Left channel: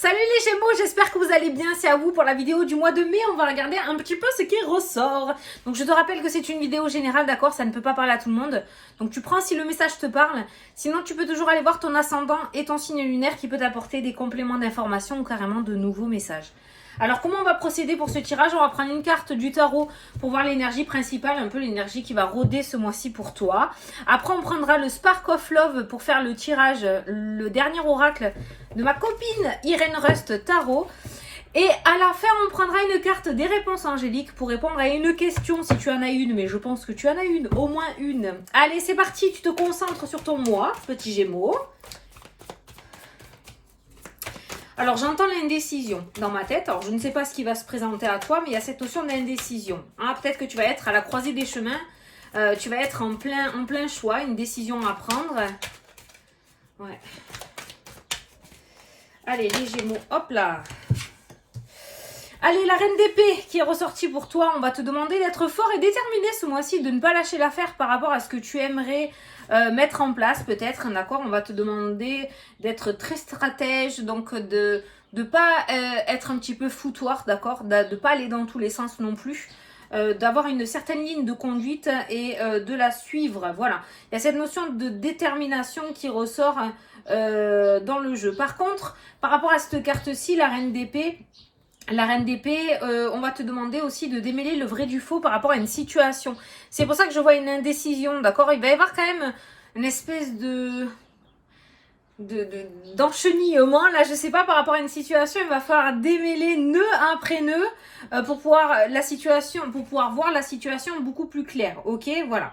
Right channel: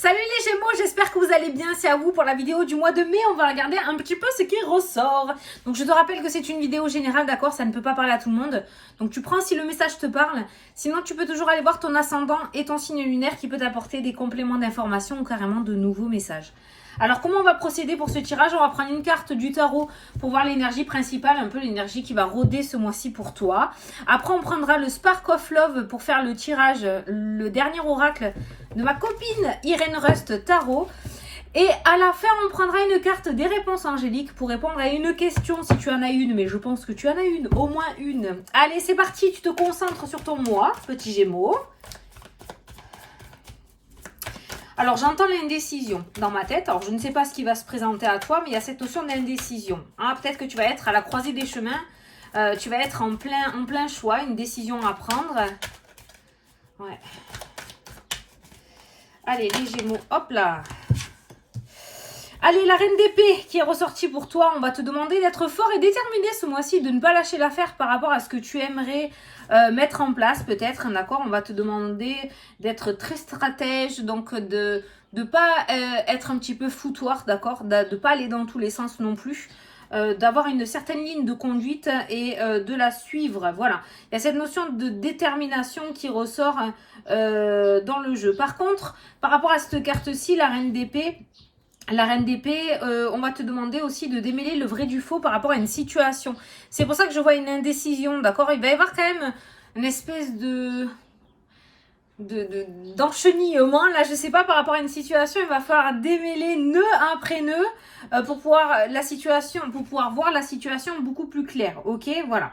Salut les Gémeaux, j'espère que vous allez bien, c'est à vous pour la vidéo du mois de mai, on va regarder un petit peu ce qui ressort. Donc je te rappelle que c'est une vidéo générale, d'accord, ça ne peut pas parler à tout le monde. Donc tu prends si le message te parle, sinon tu peux toujours aller voir ton ascendant et ton signe lunaire qui peut t'apporter des compléments d'information ou carrément de nouveaux messages. Alors comment on va procéder pour ce tirage? On va prendre une carte du tarot pour voir l'énergie principale, un peu l'énergie qui va rôder ce mois-ci pour toi. Après on prendra le Spark of Love pour faire le tirage, le dernier oracle de ma copine Irène Rust Tarot. Et à la fin on prendra une carte des réponses angéliques pour répondre à une question si tu en as une, mais je pense que tu en as une, au moins une. Allez c'est parti, tu te concentres sur ton mois, petit Gémeaux. Alors, j'entends l'indécision dans ma tête. Alors, je ne sais pas ce qui va se présenter à toi, mais il y a cette notion d'indécision. Hein, peut-être que tu vas être à la croisée des chemins. Tu vas être en plein choix, une décision à prendre. Ouais. Allez, les Gémeaux, hop là. Allez, la reine d'épée qui est ressortie pour toi. On va te demander d'être fort et déterminé ce mois-ci, de ne pas lâcher l'affaire par rapport à ce que tu aimerais mettre en place peut-être, d'accord. On va te demander d'être très stratège, donc de pas être un petit peu foutoir, d'accord, de ne pas aller dans tous les sens non plus. D'avoir une certaine ligne de conduite et de la suivre, voilà. Il y a cette notion de détermination qui ressort dans le jeu. Par contre, par rapport à cette carte-ci, la reine d'épée, on va te demander aussi de démêler le vrai du faux par rapport à une situation. C'est pour ça que je vois une indécision, d'accord. Il va y avoir quand même une espèce d'enchenillement. Là, je sais pas, par rapport à une situation, il va falloir démêler nœud après nœud pour pouvoir voir la situation beaucoup plus claire. Ok, voilà.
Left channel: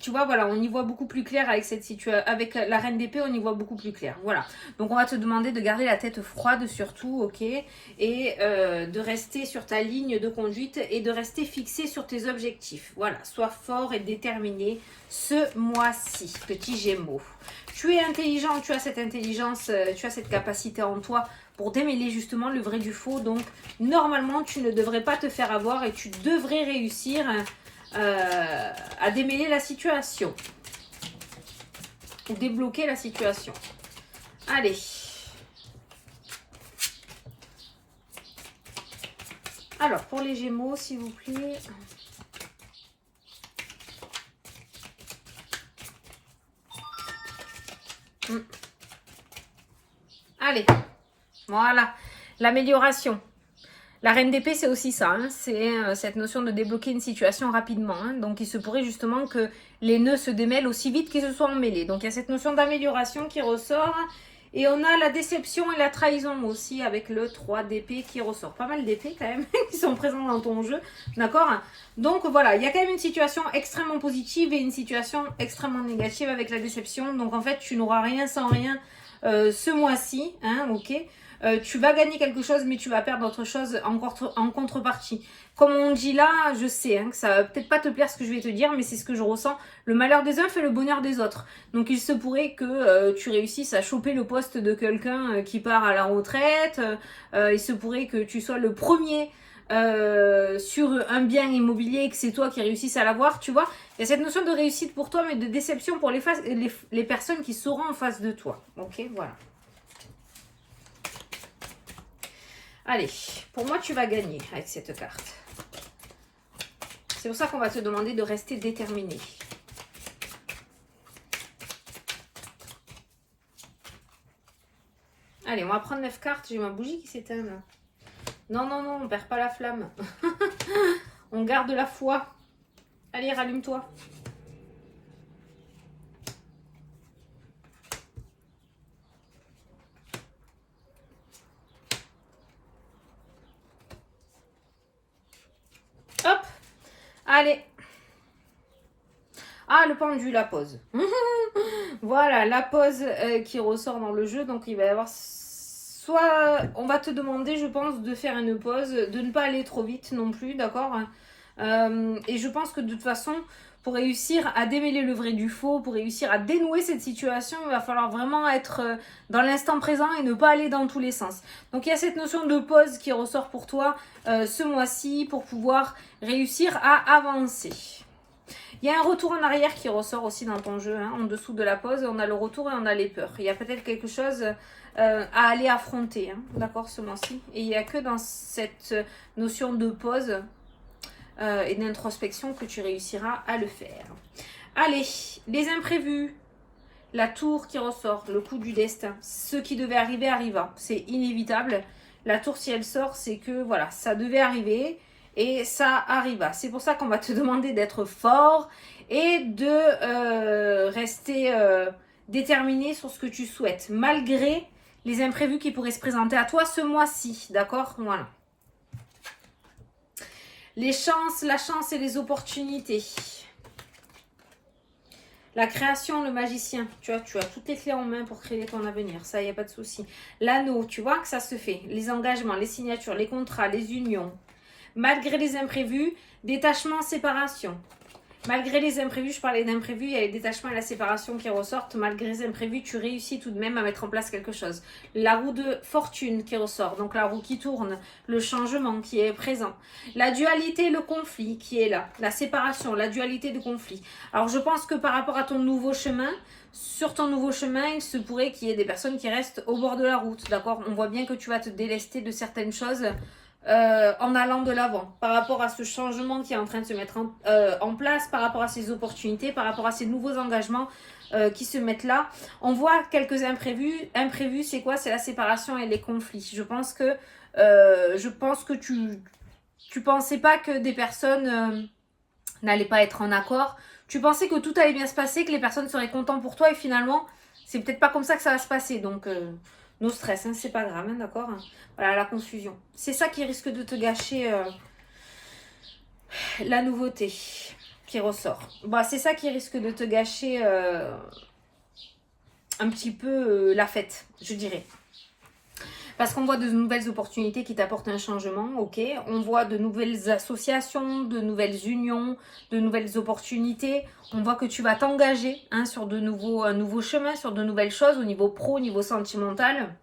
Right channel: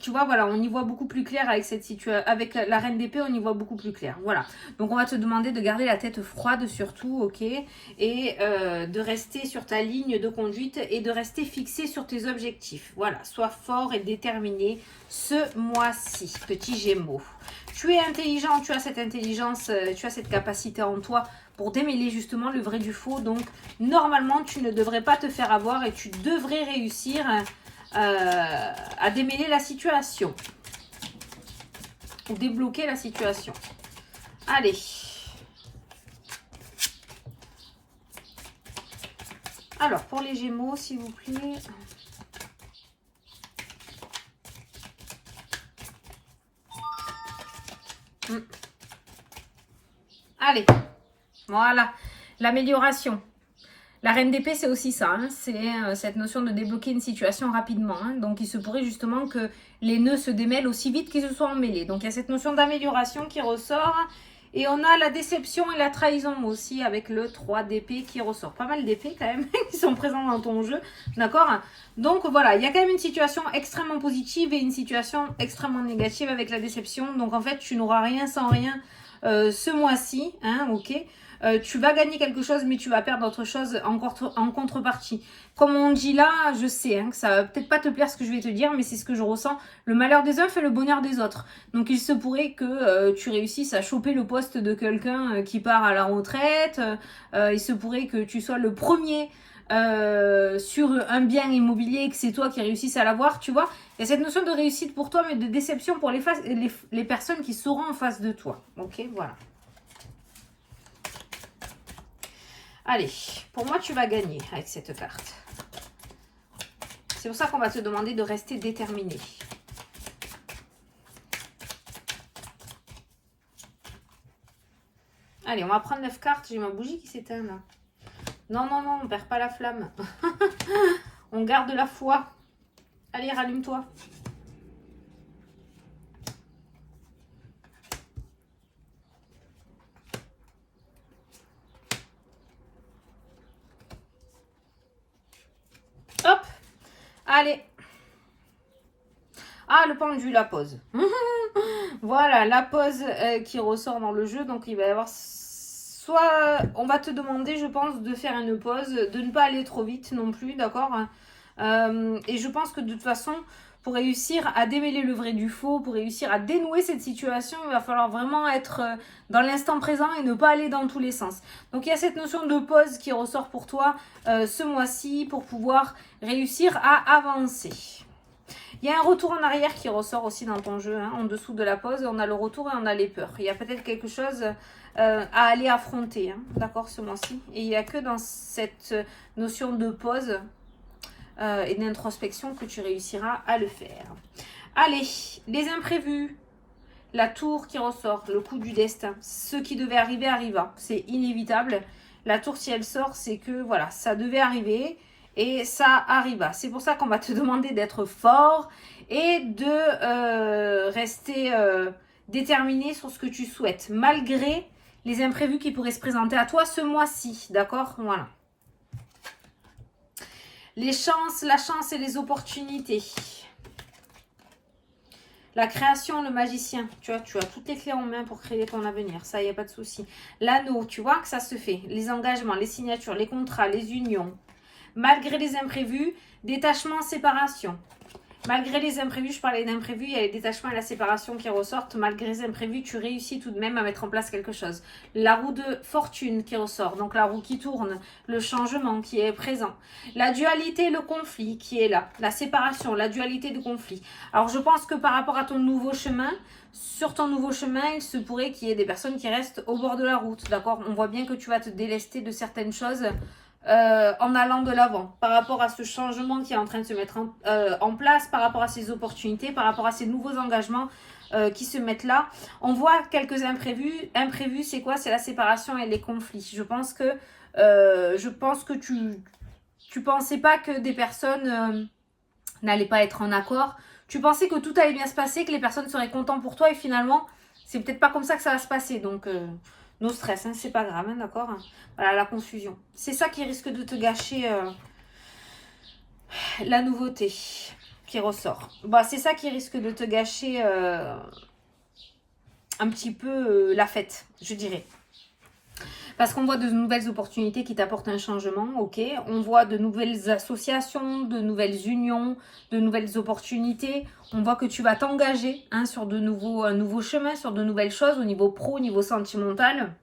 Tu vois, voilà, on y voit beaucoup plus clair avec cette situation, avec la reine d'épée, on y voit beaucoup plus clair. Voilà. Donc on va te demander de garder la tête froide surtout, ok, et de rester sur ta ligne de conduite et de rester fixé sur tes objectifs. Voilà, sois fort et déterminé ce mois-ci, petit Gémeaux. Tu es intelligent, tu as cette intelligence, tu as cette capacité en toi pour démêler justement le vrai du faux. Donc normalement, tu ne devrais pas te faire avoir et tu devrais réussir à démêler la situation ou débloquer la situation. Allez, alors pour les Gémeaux s'il vous plaît. Allez, voilà, l'amélioration. La reine d'épée, c'est aussi ça, hein. C'est cette notion de débloquer une situation rapidement. Hein. Donc, il se pourrait justement que les nœuds se démêlent aussi vite qu'ils se soient emmêlés. Donc, il y a cette notion d'amélioration qui ressort. Et on a la déception et la trahison aussi avec le 3 d'épée qui ressort. Pas mal d'épées quand même qui sont présents dans ton jeu, d'accord. Donc, voilà, il y a quand même une situation extrêmement positive et une situation extrêmement négative avec la déception. Donc, en fait, tu n'auras rien sans rien ce mois-ci, hein, ok. Tu vas gagner quelque chose, mais tu vas perdre autre chose en contrepartie. Comme on dit là, je sais hein, que ça va peut-être pas te plaire ce que je vais te dire, mais c'est ce que je ressens. Le malheur des uns fait le bonheur des autres. Donc il se pourrait que tu réussisses à choper le poste de quelqu'un qui part à la retraite. Il se pourrait que tu sois le premier sur un bien immobilier et que c'est toi qui réussisses à l'avoir, tu vois. Il y a cette notion de réussite pour toi, mais de déception pour les personnes qui seront en face de toi. Ok, voilà. Allez, pour moi, tu vas gagner avec cette carte. C'est pour ça qu'on va te demander de rester déterminé. Allez, on va prendre 9 cartes. J'ai ma bougie qui s'éteint là. Non, non, non, on ne perd pas la flamme. On garde la foi. Allez, rallume-toi. Hop. Allez. Ah, le pendu, la pause. Voilà, la pause qui ressort dans le jeu. Donc, il va y avoir... Soit on va te demander, je pense, de faire une pause, de ne pas aller trop vite non plus, d'accord. Et je pense que de toute façon, pour réussir à démêler le vrai du faux, pour réussir à dénouer cette situation, il va falloir vraiment être dans l'instant présent et ne pas aller dans tous les sens. Donc il y a cette notion de pause qui ressort pour toi ce mois-ci pour pouvoir réussir à avancer. Il y a un retour en arrière qui ressort aussi dans ton jeu. Hein. En dessous de la pause, on a le retour et on a les peurs. Il y a peut-être quelque chose à aller affronter, hein, d'accord, ce mois-ci. Et il n'y a que dans cette notion de pause et d'introspection que tu réussiras à le faire. Allez, les imprévus. La tour qui ressort, le coup du destin. Ce qui devait arriver, arriva. C'est inévitable. La tour, si elle sort, c'est que voilà, ça devait arriver et ça arriva. C'est pour ça qu'on va te demander d'être fort et de rester déterminé sur ce que tu souhaites, malgré les imprévus qui pourraient se présenter à toi ce mois-ci. D'accord? Voilà. Les chances, la chance et les opportunités. La création, le magicien, tu vois, tu as toutes les clés en main pour créer ton avenir, ça, il n'y a pas de souci. L'anneau, tu vois que ça se fait. Les engagements, les signatures, les contrats, les unions. Malgré les imprévus, détachement, séparation. Malgré les imprévus, je parlais d'imprévus, il y a les détachements et la séparation qui ressortent. Malgré les imprévus, tu réussis tout de même à mettre en place quelque chose. La roue de fortune qui ressort, donc la roue qui tourne, le changement qui est présent. La dualité, le conflit qui est là. La séparation, la dualité de conflit. Alors je pense que par rapport à ton nouveau chemin, sur ton nouveau chemin, il se pourrait qu'il y ait des personnes qui restent au bord de la route, d'accord? On voit bien que tu vas te délester de certaines choses en allant de l'avant, par rapport à ce changement qui est en train de se mettre en place, par rapport à ces opportunités, par rapport à ces nouveaux engagements qui se mettent là. On voit quelques imprévus. Imprévus, c'est quoi? C'est la séparation et les conflits. Je pense que tu pensais pas que des personnes n'allaient pas être en accord. Tu pensais que tout allait bien se passer, que les personnes seraient contentes pour toi et finalement, c'est peut-être pas comme ça que ça va se passer. Donc, no stress, hein, c'est pas grave, hein, d'accord? Voilà, la confusion. C'est ça qui risque de te gâcher la nouveauté qui ressort. Bah, c'est ça qui risque de te gâcher un petit peu la fête, je dirais. Parce qu'on voit de nouvelles opportunités qui t'apportent un changement, ok. On voit de nouvelles associations, de nouvelles unions, de nouvelles opportunités. On voit que tu vas t'engager hein, sur un nouveau chemin, sur de nouvelles choses au niveau pro, au niveau sentimental.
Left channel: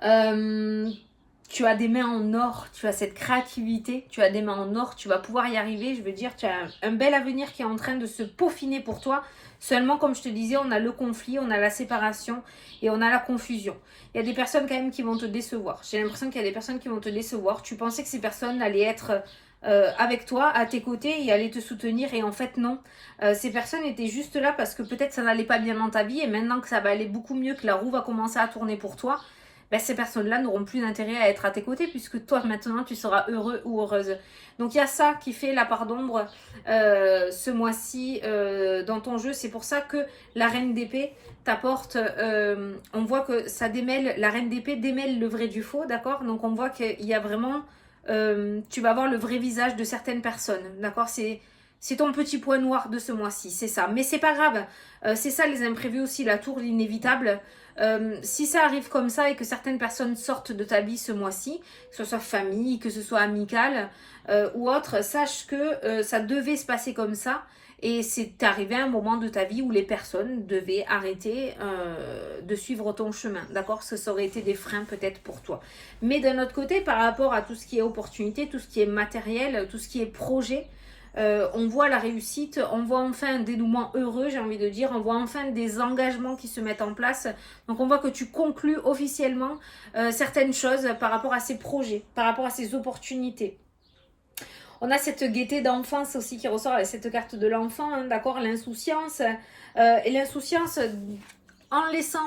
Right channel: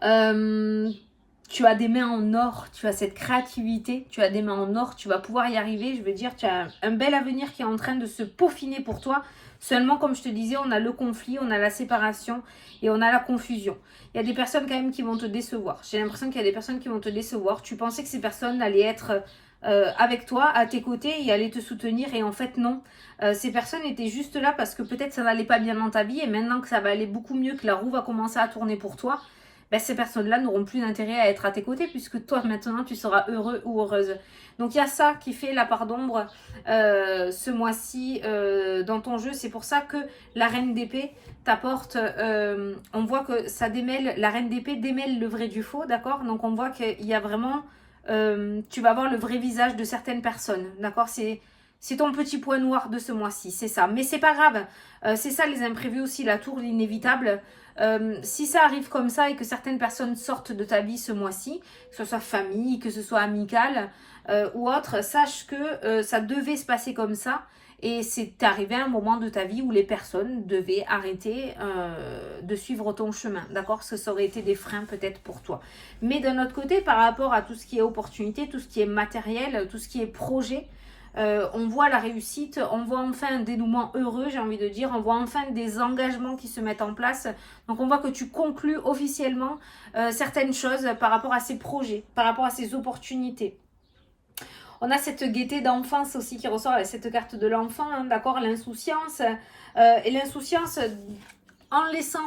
Tu as des mains en or, tu as cette créativité, tu as des mains en or, tu vas pouvoir y arriver. Je veux dire, tu as un bel avenir qui est en train de se peaufiner pour toi. Seulement, comme je te disais, on a le conflit, on a la séparation et on a la confusion. Il y a des personnes quand même qui vont te décevoir. J'ai l'impression qu'il y a des personnes qui vont te décevoir. Tu pensais que ces personnes allaient être avec toi, à tes côtés et allaient te soutenir. Et en fait, non. Ces personnes étaient juste là parce que peut-être ça n'allait pas bien dans ta vie. Et maintenant que ça va aller beaucoup mieux, que la roue va commencer à tourner pour toi, ben, ces personnes-là n'auront plus d'intérêt à être à tes côtés puisque toi, maintenant, tu seras heureux ou heureuse. Donc, il y a ça qui fait la part d'ombre ce mois-ci dans ton jeu. C'est pour ça que la reine d'épée t'apporte, on voit que ça démêle, la reine d'épée démêle le vrai du faux, d'accord? Donc, on voit qu'il y a vraiment, tu vas voir le vrai visage de certaines personnes, d'accord? C'est ton petit point noir de ce mois-ci, c'est ça. Mais c'est pas grave, c'est ça les imprévus aussi, la tour, l'inévitable. Si ça arrive comme ça et que certaines personnes sortent de ta vie ce mois-ci, que ce soit famille, que ce soit amical ou autre, sache que ça devait se passer comme ça et c'est arrivé à un moment de ta vie où les personnes devaient arrêter de suivre ton chemin, d'accord? Ça aurait été des freins peut-être pour toi. Mais d'un autre côté, par rapport à tout ce qui est opportunité, tout ce qui est matériel, tout ce qui est projet, on voit la réussite, on voit enfin un dénouement heureux, j'ai envie de dire, on voit enfin des engagements qui se mettent en place. Donc on voit que tu conclus officiellement certaines choses par rapport à ces projets, par rapport à ces opportunités. On a cette gaieté d'enfance aussi qui ressort avec cette carte de l'enfant, hein, d'accord, l'insouciance. Et l'insouciance, en laissant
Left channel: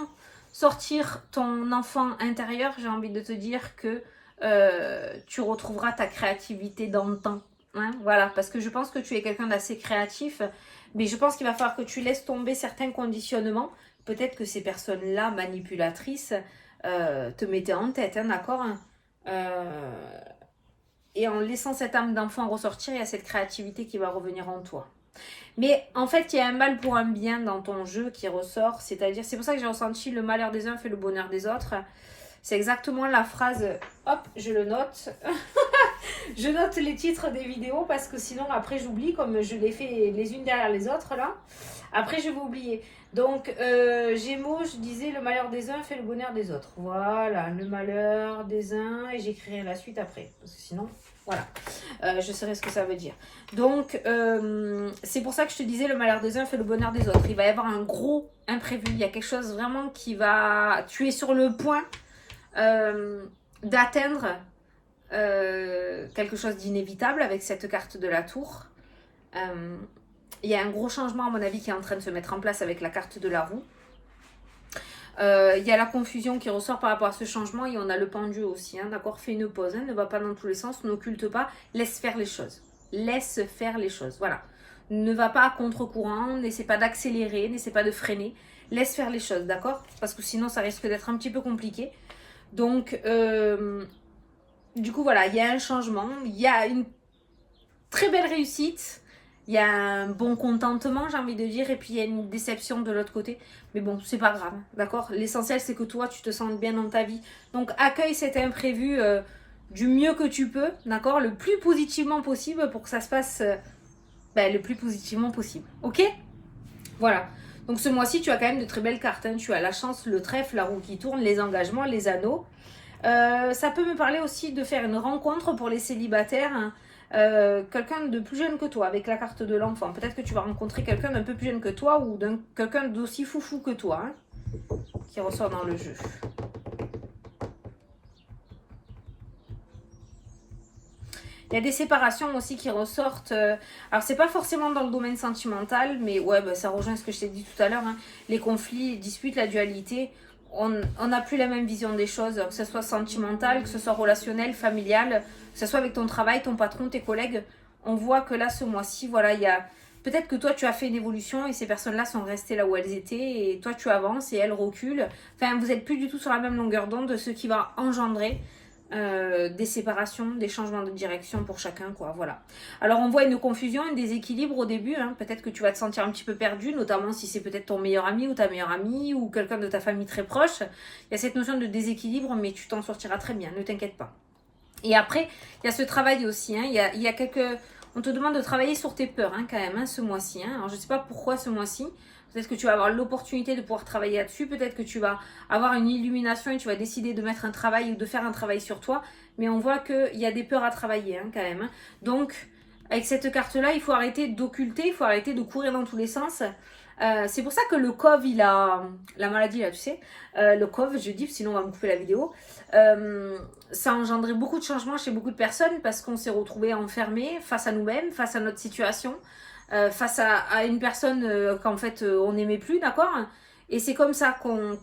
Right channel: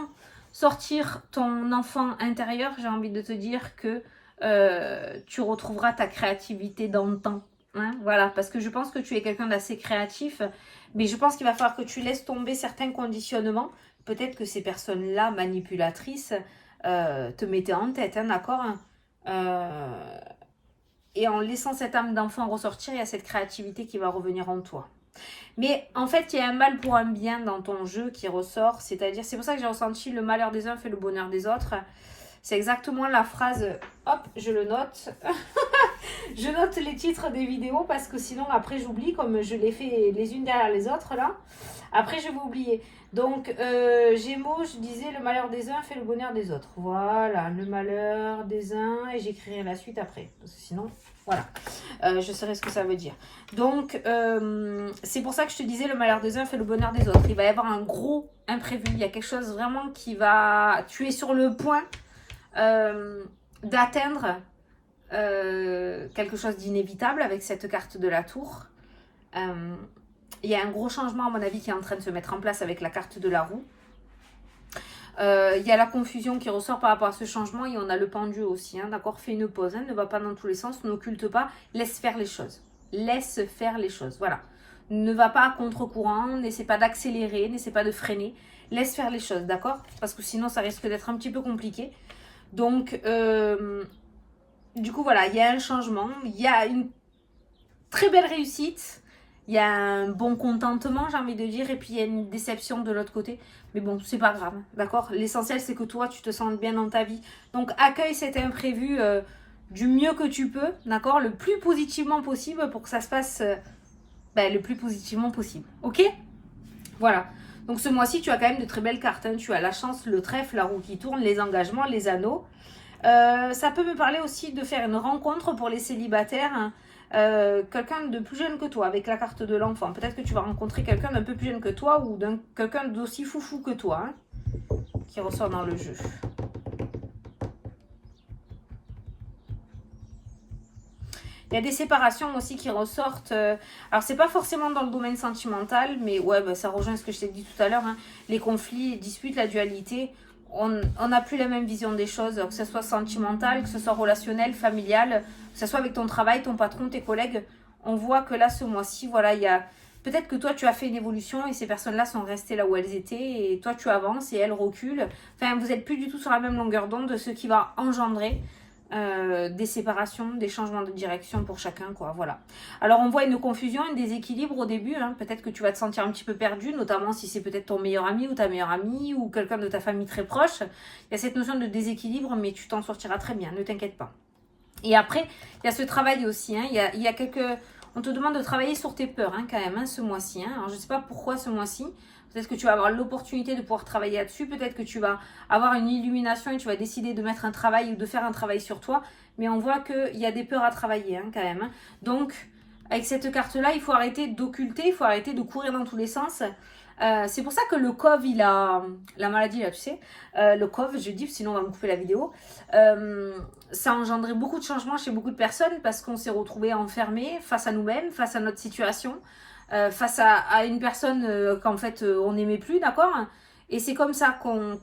sortir ton enfant intérieur, j'ai envie de te dire que tu retrouveras ta créativité dans le temps. Hein, voilà, parce que je pense que tu es quelqu'un d'assez créatif, mais je pense qu'il va falloir que tu laisses tomber certains conditionnements. Peut-être que ces personnes-là, manipulatrices, te mettaient en tête, hein, d'accord? Et en laissant cette âme d'enfant ressortir, il y a cette créativité qui va revenir en toi. Mais en fait, il y a un mal pour un bien dans ton jeu qui ressort, c'est-à-dire, c'est pour ça que j'ai ressenti le malheur des uns fait le bonheur des autres. C'est exactement la phrase, hop, je le note. Je note les titres des vidéos parce que sinon après j'oublie comme je les fais les unes derrière les autres là. Après je vais oublier. Donc Gémeaux, je disais le malheur des uns fait le bonheur des autres. Voilà, le malheur des uns et j'écrirai la suite après. Parce que sinon Voilà, je saurais ce que ça veut dire. Donc, c'est pour ça que je te disais, le malheur des uns fait le bonheur des autres. Il va y avoir un gros imprévu. Il y a quelque chose vraiment qui va... Tu es sur le point d'atteindre quelque chose d'inévitable avec cette carte de la tour. Il y a un gros changement, à mon avis, qui est en train de se mettre en place avec la carte de la roue. Il y a la confusion qui ressort par rapport à ce changement et on a le pendu aussi, hein, d'accord. Fais une pause, hein, ne va pas dans tous les sens, n'occulte pas, laisse faire les choses. Laisse faire les choses, voilà. Ne va pas à contre-courant, n'essaie pas d'accélérer, n'essaie pas de freiner. Laisse faire les choses, d'accord. Parce que sinon, ça risque d'être un petit peu compliqué. Donc, du coup, voilà, il y a un changement. Il y a une très belle réussite. Il y a un bon contentement, j'ai envie de dire, et puis il y a une déception de l'autre côté. Mais bon, c'est pas grave, d'accord. L'essentiel, c'est que toi, tu te sentes bien dans ta vie. Donc, accueille cet imprévu du mieux que tu peux, d'accord, le plus positivement possible pour que ça se passe le plus positivement possible, ok. Voilà. Donc, ce mois-ci, tu as quand même de très belles cartes, hein. Tu as la chance, le trèfle, la roue qui tourne, les engagements, les anneaux. Ça peut me parler aussi de faire une rencontre pour les célibataires, hein. Quelqu'un de plus jeune que toi avec la carte de l'enfant. Peut-être que tu vas rencontrer quelqu'un d'un peu plus jeune que toi ou quelqu'un d'aussi foufou que toi, hein, qui ressort dans le jeu. Il y a des séparations aussi qui ressortent. Alors, c'est pas forcément dans le domaine sentimental, mais ouais, ça rejoint ce que je t'ai dit tout à l'heure, hein. Les conflits, les disputes, la dualité. On n'a plus la même vision des choses, que ce soit sentimental, que ce soit relationnel, familial, que ce soit avec ton travail, ton patron, tes collègues. On voit que là, ce mois-ci, voilà, il y a... Peut-être que toi, tu as fait une évolution et ces personnes-là sont restées là où elles étaient et toi, tu avances et elles reculent. Enfin, vous n'êtes plus du tout sur la même longueur d'onde, ce qui va engendrer des séparations, des changements de direction pour chacun, quoi, voilà. Alors, on voit une confusion, un déséquilibre au début, hein. Peut-être que tu vas te sentir un petit peu perdu, notamment si c'est peut-être ton meilleur ami ou ta meilleure amie ou quelqu'un de ta famille très proche. Il y a cette notion de déséquilibre, mais tu t'en sortiras très bien, ne t'inquiète pas. Et après, il y a ce travail aussi, hein. Il y a quelques... On te demande de travailler sur tes peurs, hein, quand même, hein, ce mois-ci, hein. Alors, je ne sais pas pourquoi ce mois-ci. Peut-être que tu vas avoir l'opportunité de pouvoir travailler là-dessus. Peut-être que tu vas avoir une illumination et tu vas décider de mettre un travail ou de faire un travail sur toi. Mais on voit qu'il y a des peurs à travailler, hein, quand même, hein. Donc, avec cette carte-là, il faut arrêter d'occulter, il faut arrêter de courir dans tous les sens. C'est pour ça que le COV, il a... La maladie, là, tu sais. Le COV, je dis, sinon on va me couper la vidéo. Ça a engendré beaucoup de changements chez beaucoup de personnes parce qu'on s'est retrouvés enfermés face à nous-mêmes, face à notre situation. Face à une personne qu'en fait on n'aimait plus, d'accord. Et c'est comme ça qu'on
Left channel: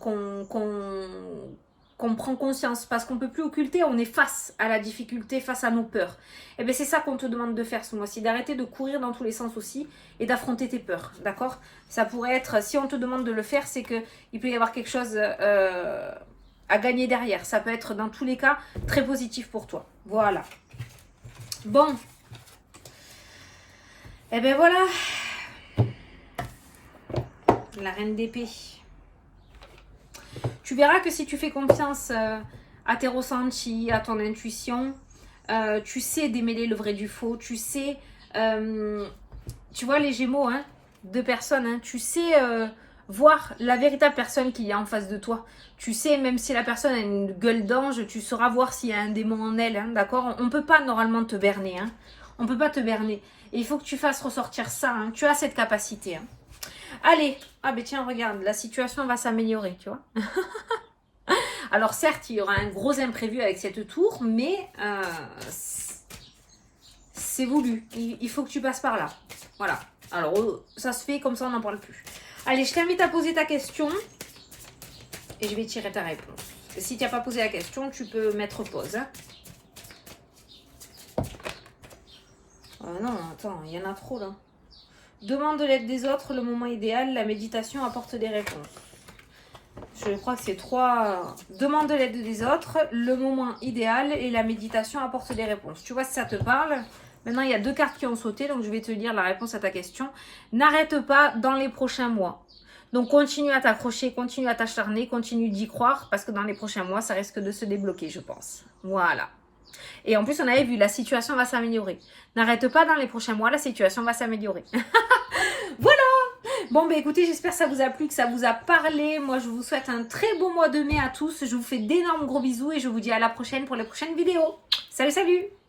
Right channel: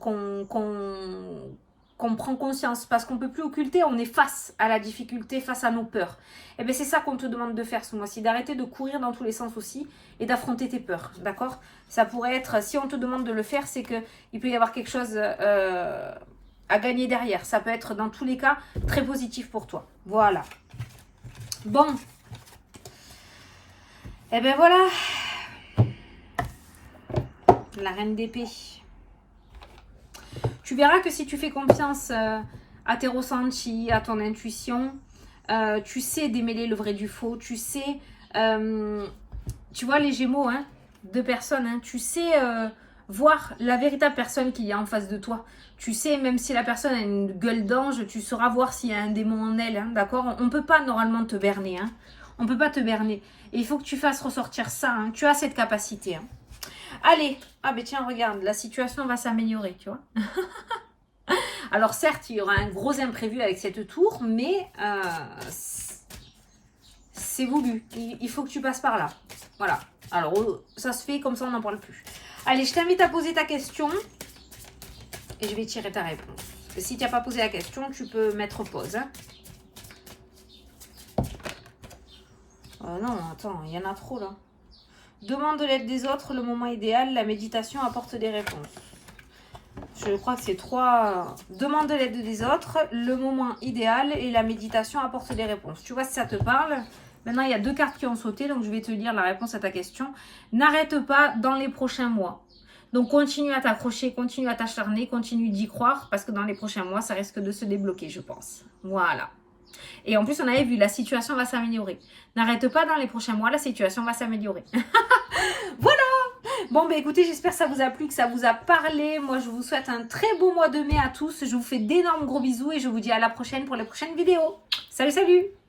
prend conscience, parce qu'on ne peut plus occulter, on est face à la difficulté, face à nos peurs. Et bien c'est ça qu'on te demande de faire ce mois-ci, d'arrêter de courir dans tous les sens aussi et d'affronter tes peurs, d'accord. Ça pourrait être, si on te demande de le faire, c'est qu'il peut y avoir quelque chose à gagner derrière. Ça peut être dans tous les cas très positif pour toi, voilà. Bon. Et ben voilà, la reine d'épée. Tu verras que si tu fais confiance à tes ressentis, à ton intuition, tu sais démêler le vrai du faux, tu sais, tu vois les Gémeaux, hein, deux personnes, hein, tu sais voir la véritable personne qu'il y a en face de toi. Tu sais, même si la personne a une gueule d'ange, tu sauras voir s'il y a un démon en elle, hein, d'accord. On ne peut pas normalement te berner, hein. On ne peut pas te berner. Et il faut que tu fasses ressortir ça, hein. Tu as cette capacité, hein. Allez, ah ben tiens, regarde, la situation va s'améliorer, tu vois. Alors certes, il y aura un gros imprévu avec cette tour, mais c'est voulu. Il faut que tu passes par là. Voilà. Alors, ça se fait, comme ça, on n'en parle plus. Allez, je t'invite à poser ta question et je vais tirer ta réponse. Si tu n'as pas posé la question, tu peux mettre pause, hein. Non, attends, il y en a trop là. Demande de l'aide des autres, le moment idéal, la méditation apporte des réponses. Je crois que c'est 3. Demande de l'aide des autres, le moment idéal et la méditation apporte des réponses. Tu vois si ça te parle? Maintenant, il y a 2 cartes qui ont sauté, donc je vais te lire la réponse à ta question. N'arrête pas dans les prochains mois. Donc, continue à t'accrocher, continue à t'acharner, continue d'y croire, parce que dans les prochains mois, ça risque de se débloquer, je pense. Voilà. Et en plus, on avait vu, la situation va s'améliorer. N'arrête pas dans les prochains mois, la situation va s'améliorer. Voilà. Bon, bah écoutez, j'espère que ça vous a plu, que ça vous a parlé. Moi, je vous souhaite un très beau mois de mai à tous. Je vous fais d'énormes gros bisous et je vous dis à la prochaine pour les prochaines vidéos. Salut, salut!